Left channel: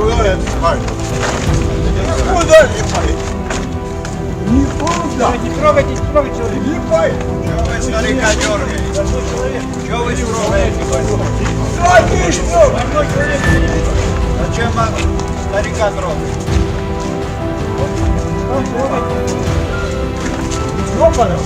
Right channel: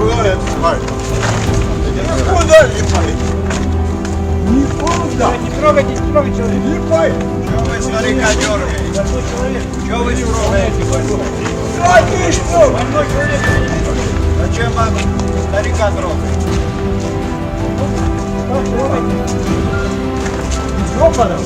Куда это спать? Куда липай? Никуда. Не трогайте человека. Липай. Чего вы старика дергаете? Чего вы трогаете? Да ты что? Зачем вам старика трогать? Ёбаный.